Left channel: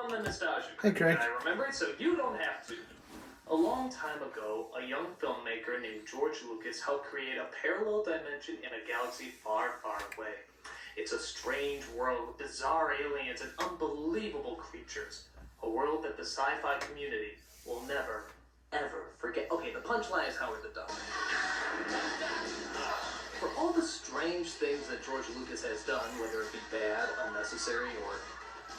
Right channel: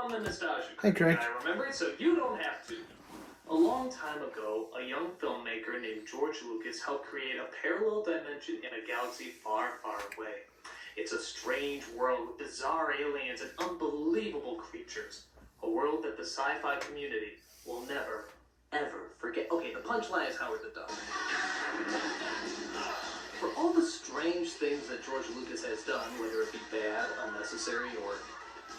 I'm the nostalgia Okay. guy, remember? So you don't have to. A long time ago, a young filmmaker named George Lucas helped create a parallel dimension in a galaxy far, far away. It's a strange world with bizarre aliens and unbelievable creatures. A world that the sci-fi community will never, ever forget. Okay, the punchline is Howard the Duck. For all the strange things that George Lucas has done, whether it be bad, unnecessary, or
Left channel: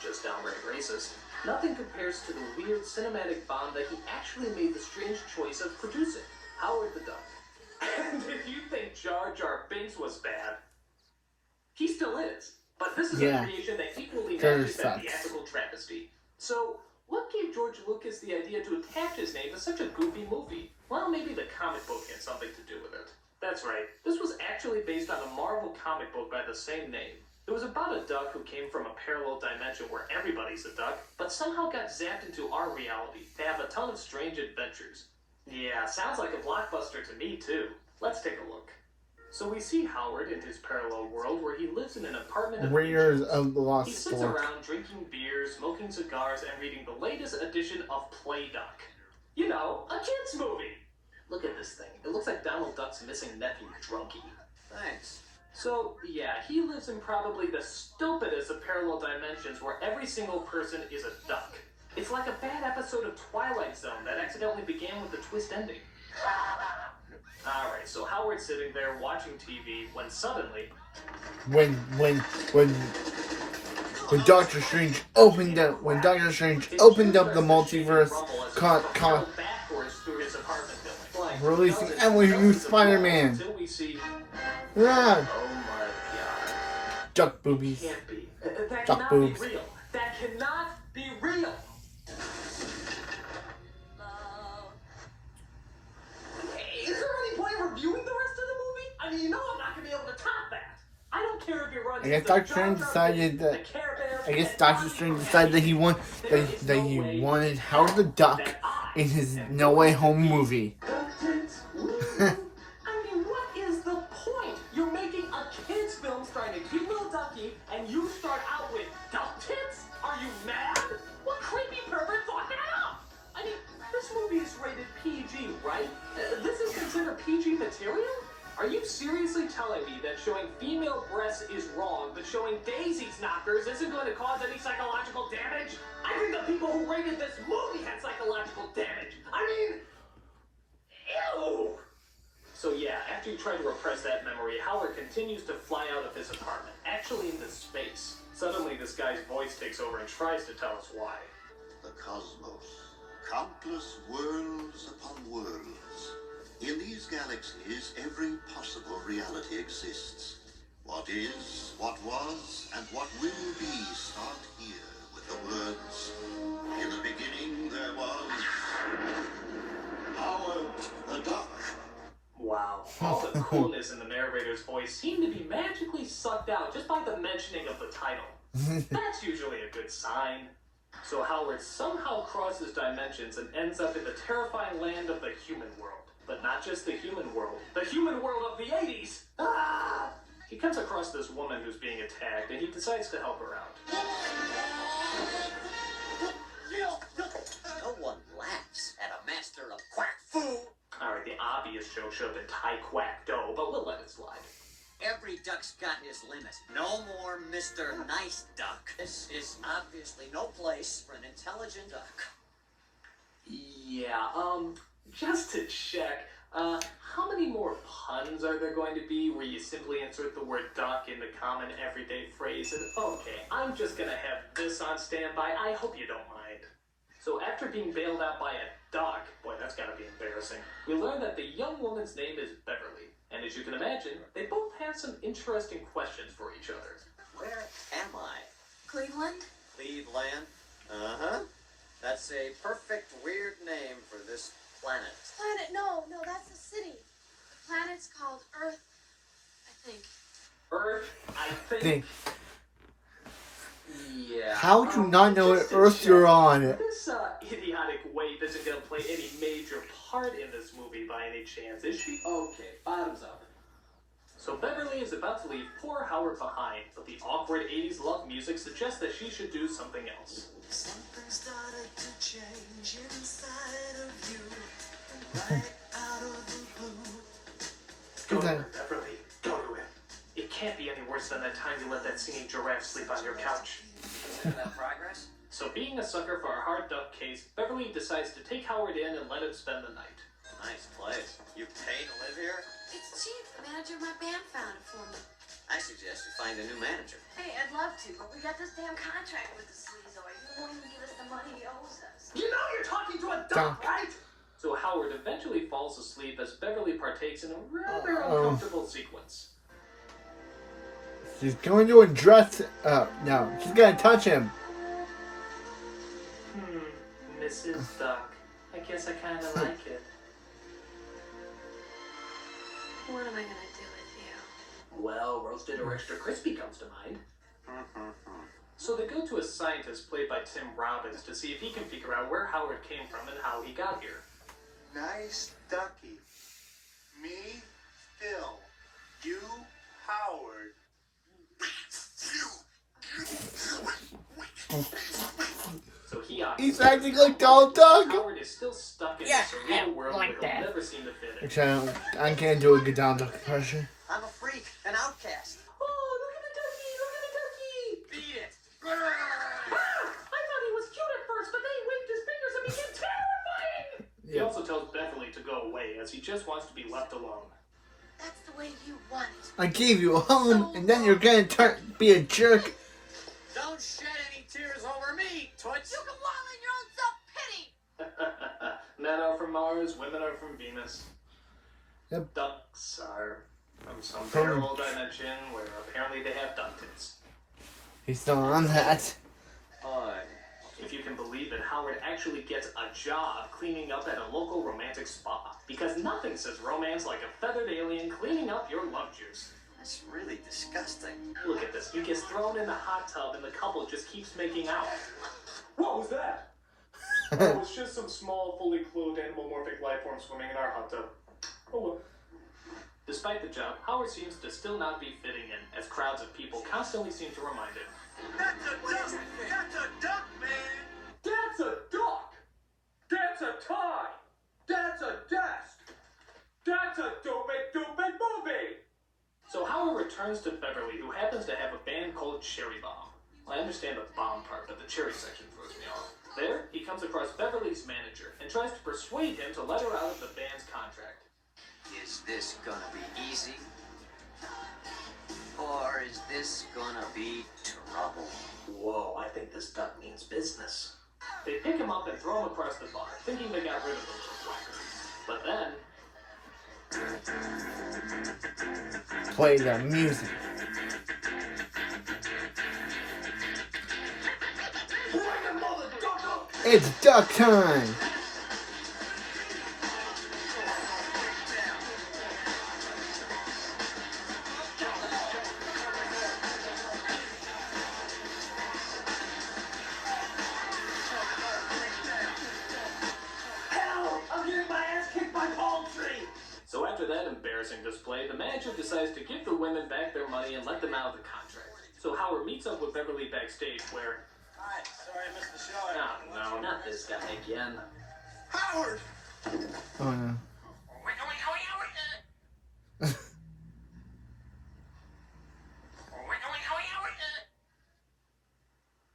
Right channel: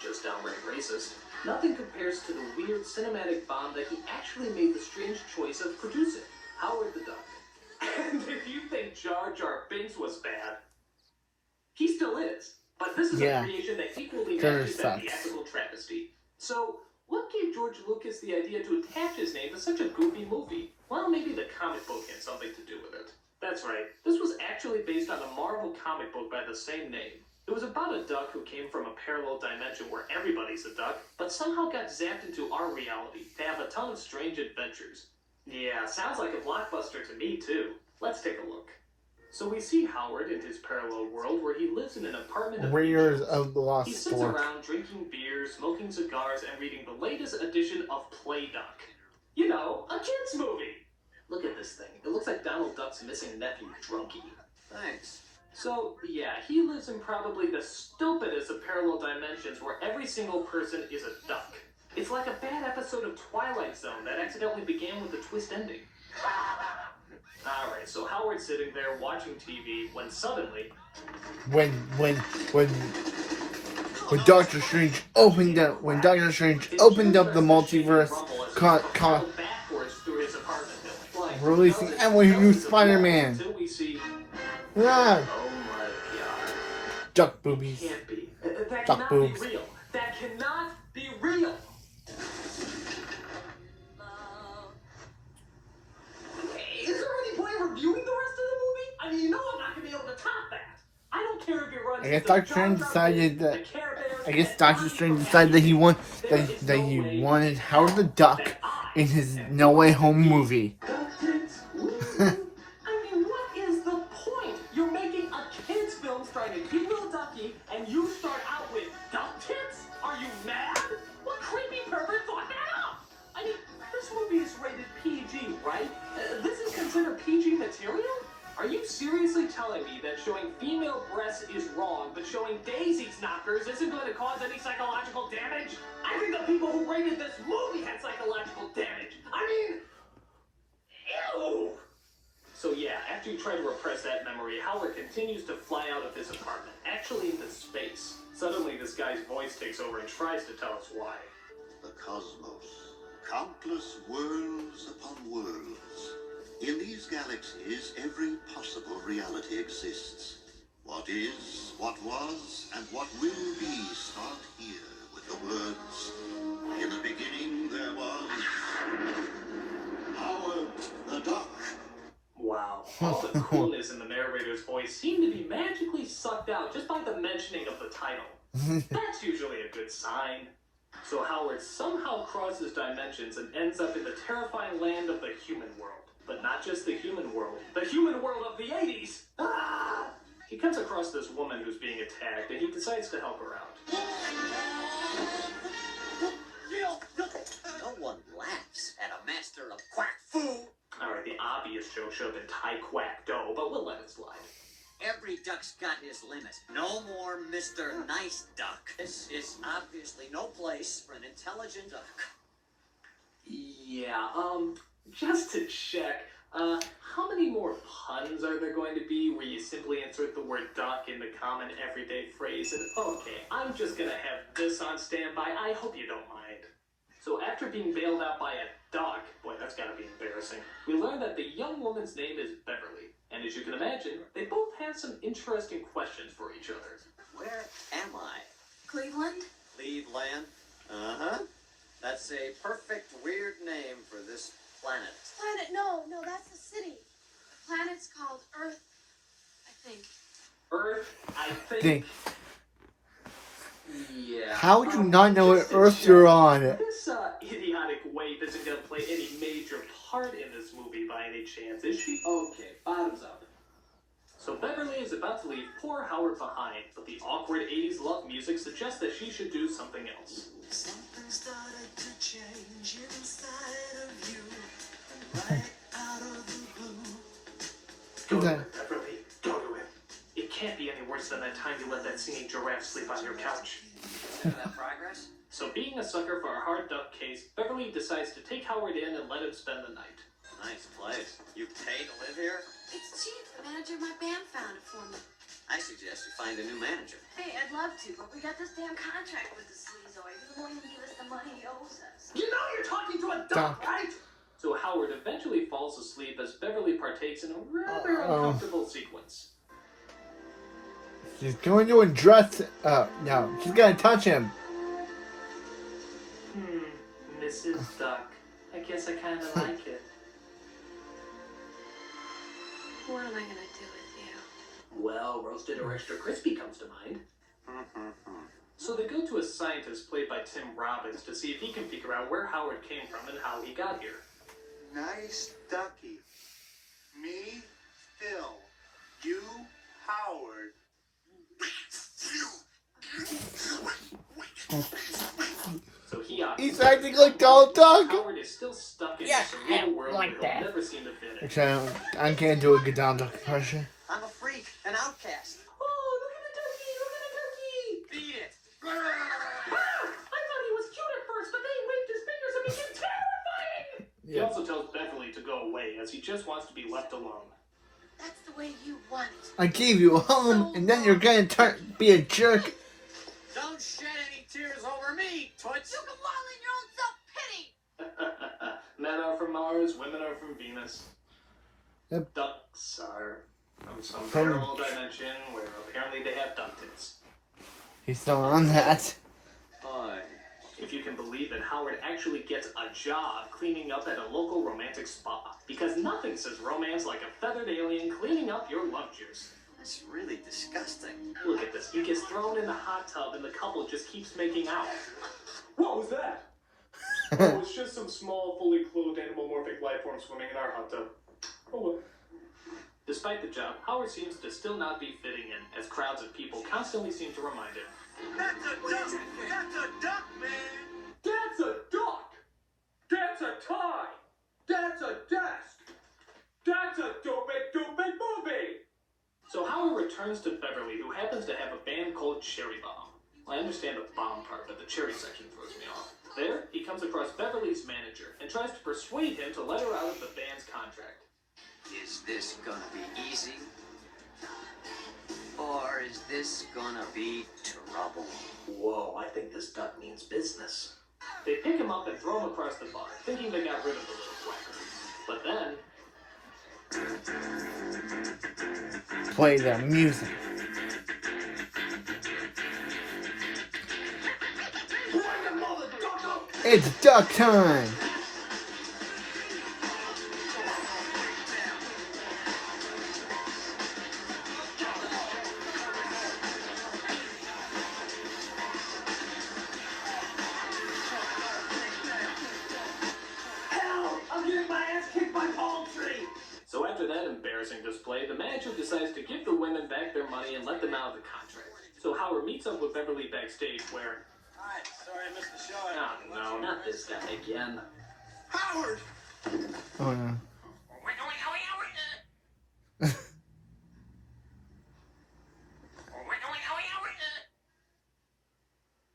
just downright racist, nothing compares to the weird cinematic bomb that he actually made the strange choice of producing, Howard the Duck. And if you think Jar Jar Binks was bad, he still is. But this is a creation that equally matches that theatrical travesty. So, what gave George Lucas the idea to attach his name to such a goofy movie? Well, maybe the comic book had something to do with it. That's right. This was actually based on a Marvel comic book by the same name. It was about a duck who came from a parallel dimension where everybody's a duck, but somehow got zapped into our reality to have a ton of strange adventures. Yeah, sounds like a blockbuster to me too. Let's take a look. So we see Howard in his parallel world where he lives in an apartment of angels. He sits around drinking beer, smoking cigars, and reading the latest edition of Play Duck. You know, a kids movie. Look at this thing. It looks like Donald Duck's missing nephew, Drunky. Thanks. So, yeah, he lives in probably the stupidest of parallel dimensions where every single person is a duck. It's like a bad episode of Twilight Zone that accidentally began with a twist ending. Alright, so Howard's sitting there watching TV when suddenly... When Doctor Strange opened up the multiverse, backwards through his apartment building, releasing every new Spider-Man. Until we see... Yeah. Oh my god. Duck boobies. Can't be. That Duck cannot boobs. be real. That cannot be real. Is there any point in reviewing the rest of the movie? I mean, you know I'm not going to be able to top that. I don't care if it runs. I guess Doctor Strange decided that. Doctor Strange decided that he wanted Howard the Duck in his No Way Home movie. I mean, what is the point? You're making a kids film starring a cute little ducky, and you start out with duck tits? Are you mad? What creepy pervert thought that up? I mean, this movie is rated PG, right? This is considered PG material? Are you seriously telling me that showing female breasts is wrong, but showing Daisy's knockers isn't going to cause any psychological damage? I think the people who rated this movie had psychological damage. I mean, ew! So yeah, after you try to repress that memory, Howard continues to fly out of his apartment, actually into space. Suddenly this guy's voice takes over and tries to tell us why. The cosmos. Countless worlds upon worlds. In these galaxies, every possible reality exists. What is, what was, and what will be start here with the words, in the beginning there was Howard the Duck. Wow, all the coolness in the narrator's voice seemed to be magically sucked out just by the mentioning of the title. That's usually a good sign. So Howard somehow crosses dimensions and ends up in the terrifying land of the human world. But not just the human world of the 80s! Ah! He comes across this woman who's being attacked, and he decides to help her out. No one laughs at a master of quack fu. Alright, the obvious joke should have been Thai quack dough, but we'll let it slide. Every duck's got his limit. No more Mr. Nice Duck. This is obviously no place for an intelligent duck. Yeah, just to check, how many more puns are there going to be where you simply insert the word duck in the common everyday phrase? And okay, I'm just gonna have this on standby. I hope you don't mind. So after being bailed out by a duck, boy, that's gotta be embarrassing, we learn that the young woman's name is Beverly. And as you can imagine, they both have some interesting questions for each other. Where am I? Cleveland? Cleveland? Uh-huh. That's a perfect weird name for this planet. Planet? No, that's a city. The planet's called Earth, I think. Earth, I think. Yeah. How would you not know what Earth you're on? This idiotic waif isn't going to play any major part in this movie by any chance, is she? Okay, bottoms up. So Beverly is about to leave poor Howard behind, but the awkward 80s love music suggests that she should do something else. Something Go to it, Beverly. Go to it. It can't be any worse than that time you let that singing giraffe sleep on your couch. Consider that progress? So being a sucker for a hard duck case, Beverly decides to take Howard in and let him spend the night. Nice place. You pay to live here? It's cheap. The manager of my band found it for me. I suggest you find a new manager. Hey, I'd love to, but we got this damn contract with the sleazoid. He won't even give us the money he owes us. You know you're talking to a duck, right? So Howard eventually falls asleep as Beverly partakes in a rather uncomfortable sequence. She's going to undress. No, she's gonna touch him. Mrs. Duck. I guess I kind of like it. What am I gonna do with you? Well, roasted or extra crispy comes to mind. So they go to a scientist played by Tim Robbins to see if he can figure out where Howard came from and how he got here. Nice ducky. Me, Phil. You, Howard. So he's acting like Donald Duck. Howard is still stuck in this surreal world where he'll never seem to fit in. Which I can't do a good Donald Duck impression. I'm a freak, an outcast. Oh, look at the ducky! Look at the ducky! Beat it. Ah, I thought he was cute at first, but then he waved his fingers and became terrifying! He also tells Beverly to go away as he just wants to be left alone. That's the way you want it. I gave you a home, and then you're gonna be a jerk. Don't shed any tears over me, Toots. You can wallow in your own self-pity. Men are from Mars, women are from Venus. Yep. Ducks are from some parallel dimension where apparently they have duck tits. He's still on that. If you can believe it, Howard actually gets a job cleaning up at a local romantic spa. Because nothing says romance like a feathered alien cleaning up your love juice. That's really disgusting. Look at this. He gets thrown in the hot tub and the couple just keeps making out. What was that? Oh, it's just some small, fully clothed animalmorphic life form swimming in our hot tub. Oh well. Despite the job, Howard seems to still not be fitting in, as crowds of people constantly seem to remind him. That's a duck! That's a duck, man! That's a duck! That's a tie! That's a desk! That's a stupid movie! So Howard returns to Beverly, who happens to have a band called Cherry Bomb. I understand the bomb part, but the cherry section throws me off. There, he comes across Beverly's manager and tries to persuade him to let her out of the band's contract. Is this gonna be easy? Or is this gonna be trouble? Whoa, I think this duck means business. They pick him up and throw him across the bar, thinking they got rid of the little whacker. But then... Play the music. It's duck time. So after that embarrassing display, the manager decides to give the women back their money and let them out of the contract. So Howard meets up with Beverly backstage where... Hi, sorry I missed the show. Oh, no, not this guy again. Howard! Oh, no.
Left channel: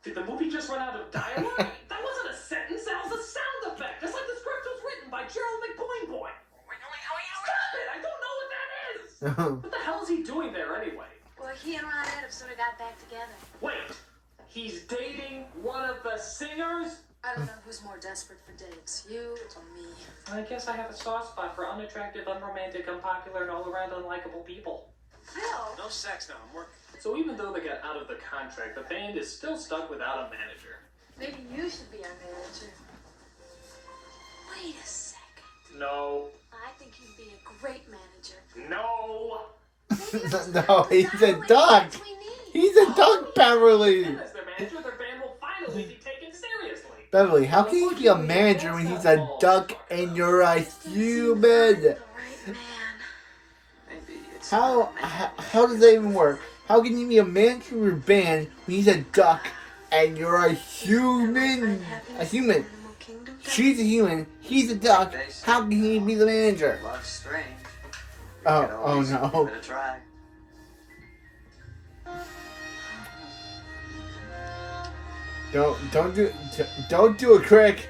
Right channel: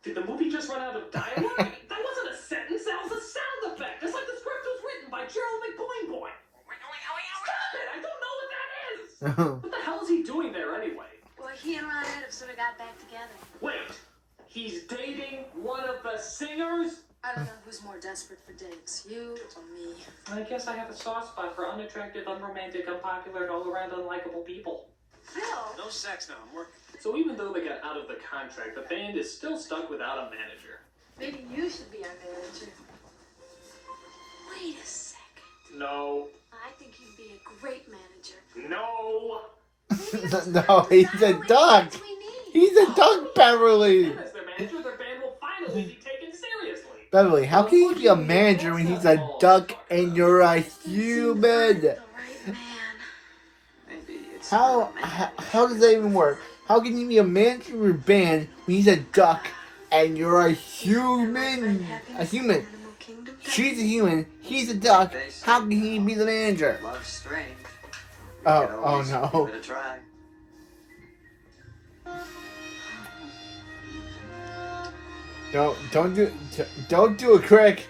Did the movie just run out of dialogue? That wasn't a sentence, that was a sound effect. It's like the script was written by Gerald McBoing. Stop it! I don't know what that is! What the hell is he doing there anyway? Boy, he and Ronette have sort of got back together. Wait, he's dating one of the singers? I don't know who's more desperate for dates, you or me. I guess I have a soft spot for unattractive, unromantic, unpopular, and all-around unlikable people. Phil? No sex now, I'm working. So even though they got out of the contract, the band is still stuck without a manager. Maybe you should be our manager. Wait a second. No. I think you'd be a great manager. No! No, he's a duck. He's a duck, Beverly. And as their manager, their band will finally be taken seriously. Beverly, how can you be a manager when he's a duck and you're a human? Right, man. Maybe it's How does that even work? How can you be a manager of a band when he's a duck and you're a human? A human. kingdom. She's a human. He's a duck. How can he be the manager? Love's strange. We Oh, could always oh no. give it a try. Don't do it, Crick.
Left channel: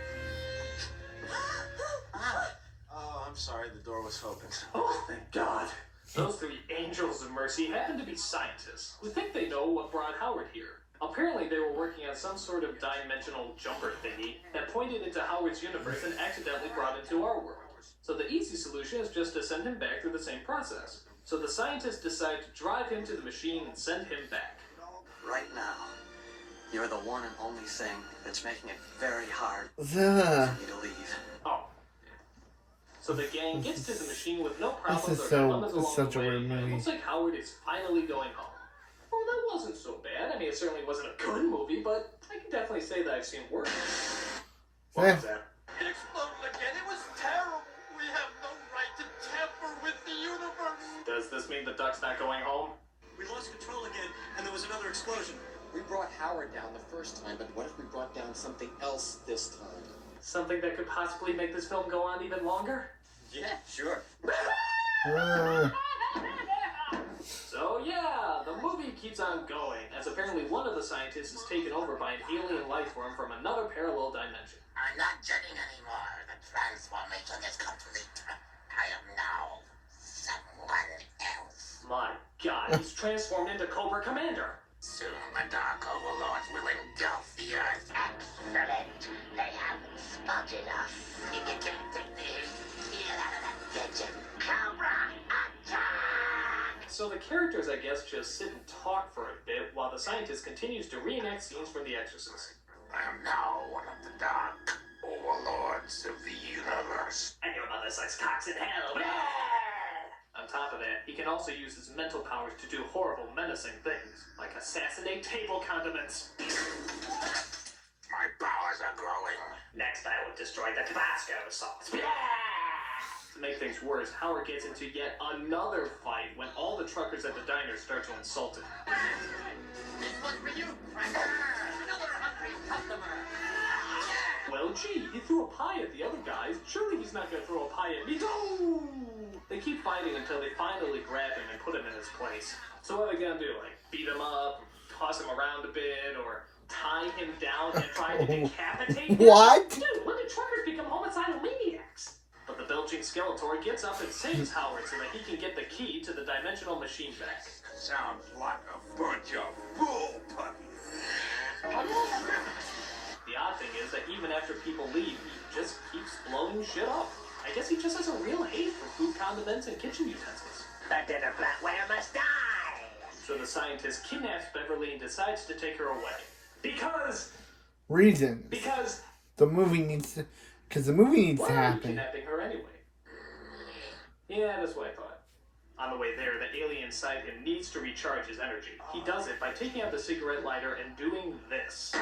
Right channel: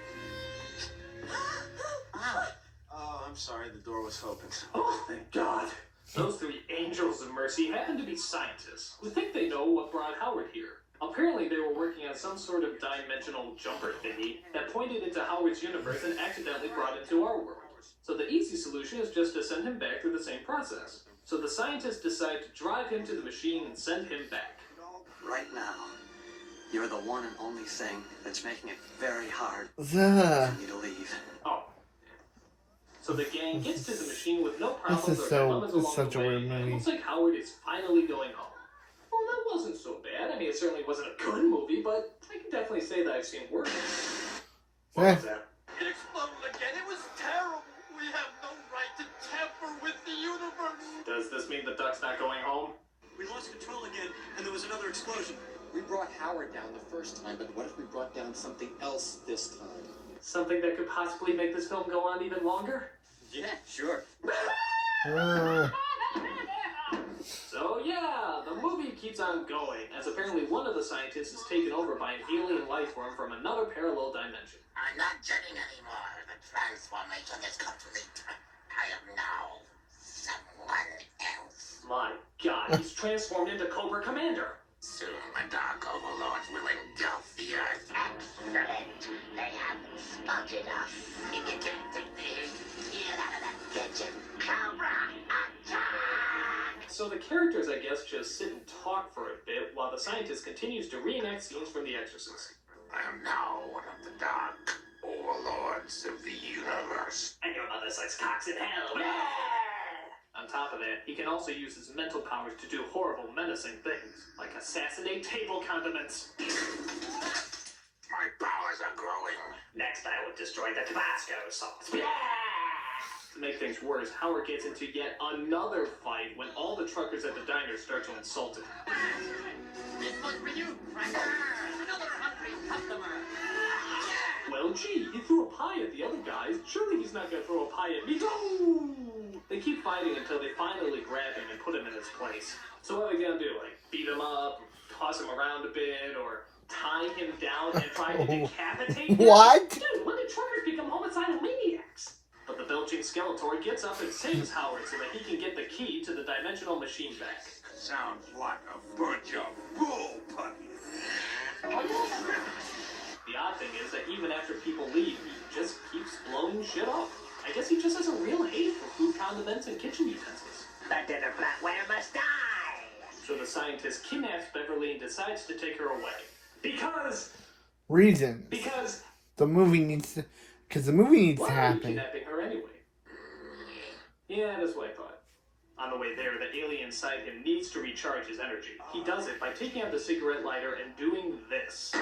Oh, I'm sorry, the door was open. Oh, thank God. Those three angels of mercy happen to be scientists who think they know what brought Howard here. Apparently, they were working on some sort of dimensional jumper thingy that pointed into Howard's universe and accidentally brought into our world. So the easy solution is just to send him back through the same process. So the scientists decide to drive him to the machine and send him back. Right now, you're the one and only thing that's making it very hard Ugh. for me to leave. Oh. So the gang gets to the machine with no problems This is or dilemmas along such the a way, weird and it movie. looks like Howard is finally going home. Well, that wasn't so bad. I mean, it certainly wasn't a good movie, but I can definitely say that I've seen worse. What was that? It exploded again. It was terrible. We have no right to tamper with the universe. Does this mean the duck's not going home? We lost control again, and there was another explosion. We brought Howard down the first time, but what if we brought down something else this time? Something that could possibly make this film go on even longer? Yeah, sure. So yeah, the movie keeps on going, as apparently one of the scientists is taken over by an alien life form from another parallel dimension. I'm not jetting anymore. The transformation is complete. I am now someone else. My God, he's transformed into Cobra Commander. Soon the Dark Overlords will engulf the Earth. Excellent. They have spotted us. You can't take me. Get out of that kitchen. Cobra, attack! So the characters, I guess, just sit and talk for a bit while the scientist continues to reenact scenes from The Exorcist. I am now one of the Dark Overlords of the universe. And your mother sucks cocks in hell. On top of that, he can also use his mental powers to do horrible, menacing things, like assassinate table condiments. My powers are growing. Next, I will destroy the Tabasco sauce. To make things worse, Howard gets into yet another fight when all the truckers at the diner start to insult him. This was for you, Cracker. Another hungry customer. Well, gee, he threw a pie at the other guys. Surely he's not gonna throw a pie at me. No! They keep fighting until they finally grab him and put him in his place. So what are they gonna do? Like, beat him up, toss him around a bit, or tie him down and try to decapitate him? What? Dude, when did truckers become homicidal maniacs? But the belching Skeletor gets up and saves Howard so that he can get the key to the dimensional machine back. Sounds like a bunch of bull puppies. The odd thing is that even after people leave, he just keeps blowing shit up. I guess he just has a real hate for food condiments and kitchen utensils. The dinner flatware must die. So the scientist kidnaps Beverly and decides to take her away. Because the movie needs to, because the movie needs why to are you happen. kidnapping her anyway? Yeah, that's what I thought. On the way there, the alien inside him needs to recharge his energy. He does it by taking out the cigarette lighter and doing this.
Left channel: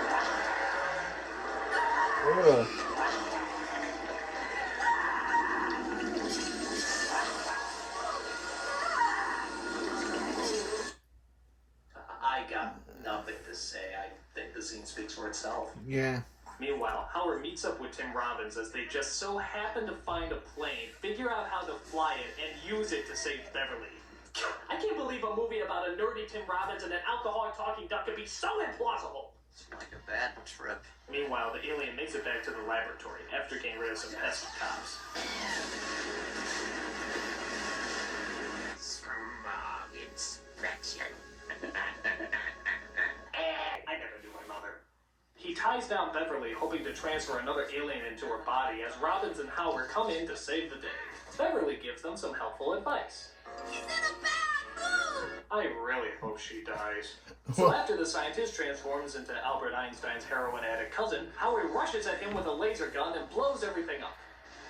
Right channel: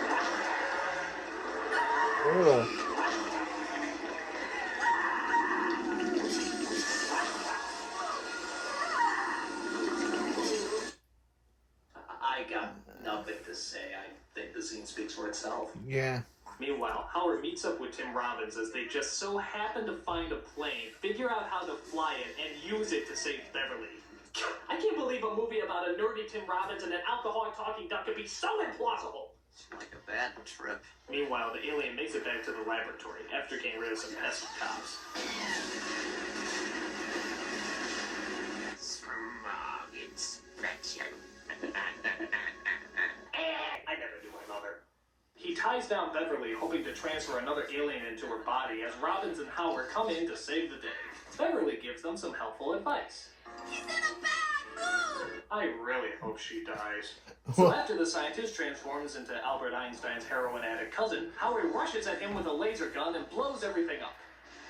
I got nothing to say. I think the scene speaks for itself. Yeah. Meanwhile, Howard meets up with Tim Robbins as they just so happen to find a plane, figure out how to fly it, and use it to save Beverly. I can't believe a movie about a nerdy Tim Robbins and an alcoholic talking duck could be so implausible. It's like a bad trip. Meanwhile, the alien makes it back to the laboratory after getting rid of some pesky cops. Smog inspection. I never knew my mother. He ties down Beverly, hoping to transfer another alien into her body as Robbins and Howard come in to save the day. Beverly gives them some helpful advice. He's in a bad mood. I really hope she dies. So after the scientist transforms into Albert Einstein's heroin addict cousin, Howard rushes at him with a laser gun and blows everything up.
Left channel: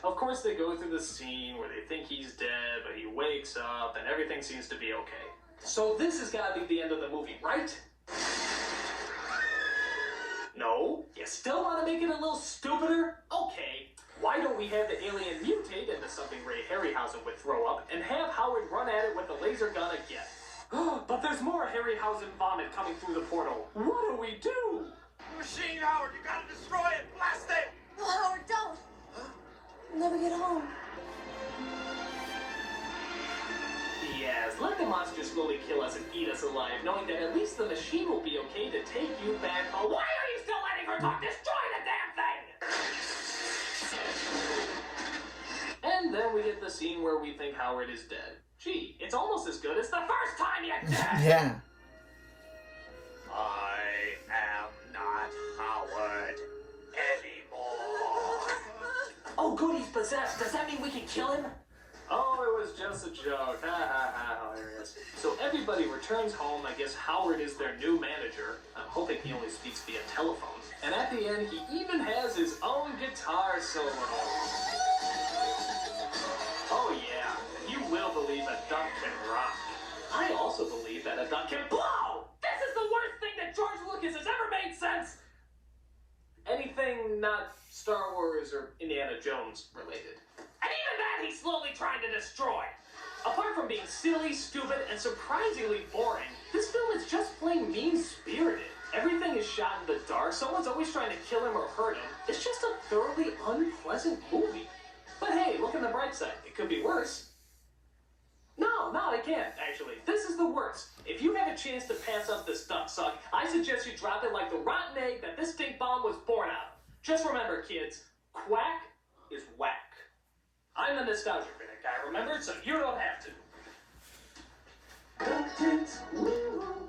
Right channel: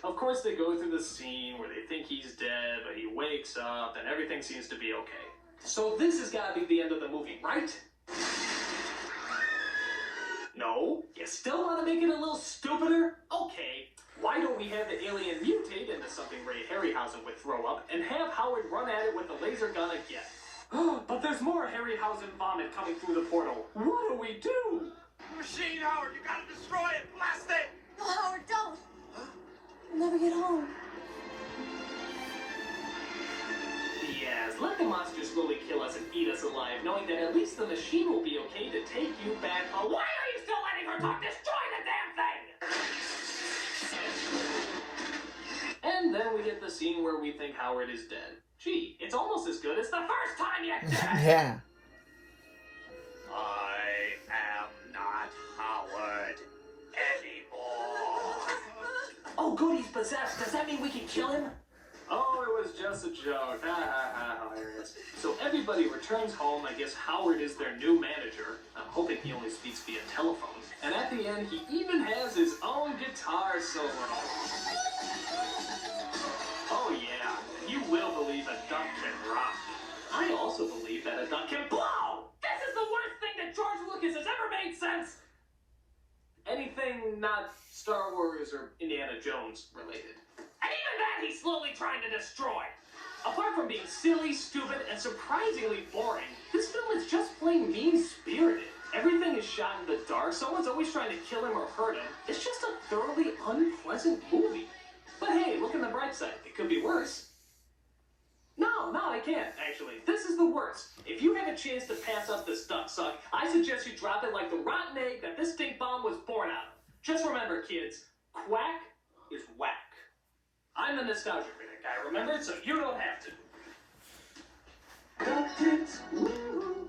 Of course, they go through the scene where they think he's dead, but he wakes up and everything seems to be okay. So this has got to be the end of the movie, right? No? You still want to make it a little stupider? Okay. Why don't we have the alien mutate into something Ray Harryhausen would throw up and have Howard run at it with the laser gun again? But there's more Harryhausen vomit coming through the portal. What do we do? Machine, Howard, you gotta destroy it. Blast it. Howard, kill us and eat us alive, knowing that at least the machine will be okay to take you back home. Why are you still letting her talk? Destroy the damn thing! And then we get the scene where we think Howard is dead. Gee, it's almost as good as the first time you did it! Yeah. I am not Howard anymore. Oh, good, he's possessed. Does that mean we can kill him? Oh, it was just a joke. Ha ha ha, hilarious. So everybody returns home. I guess Howard is their new manager. I'm hoping he only speaks via telephone. And at the end, he even has his own guitar solo. Oh yeah, you will believe a duck can rock. I also believe that a duck can blow! This is the worst thing that George Lucas has ever made since anything not Star Wars or Indiana Jones related. And even that he's slowly trying to destroy. Apart from being silly, stupid, and surprisingly boring, this film is just plain mean-spirited. Everything is shot in the dark, someone's always trying to kill him or hurt him. It's just a thoroughly unpleasant movie. But hey, look on the bright side. It could be worse. No, it can't, actually. This is the worst. If you have a chance to pass up this duck suck, I suggest you drop it like the rotten egg that this stink bomb was born out of. Just remember, kids, quack is whack. I'm the nostalgia critic, I remember, so you don't have to. Duck tits, woo!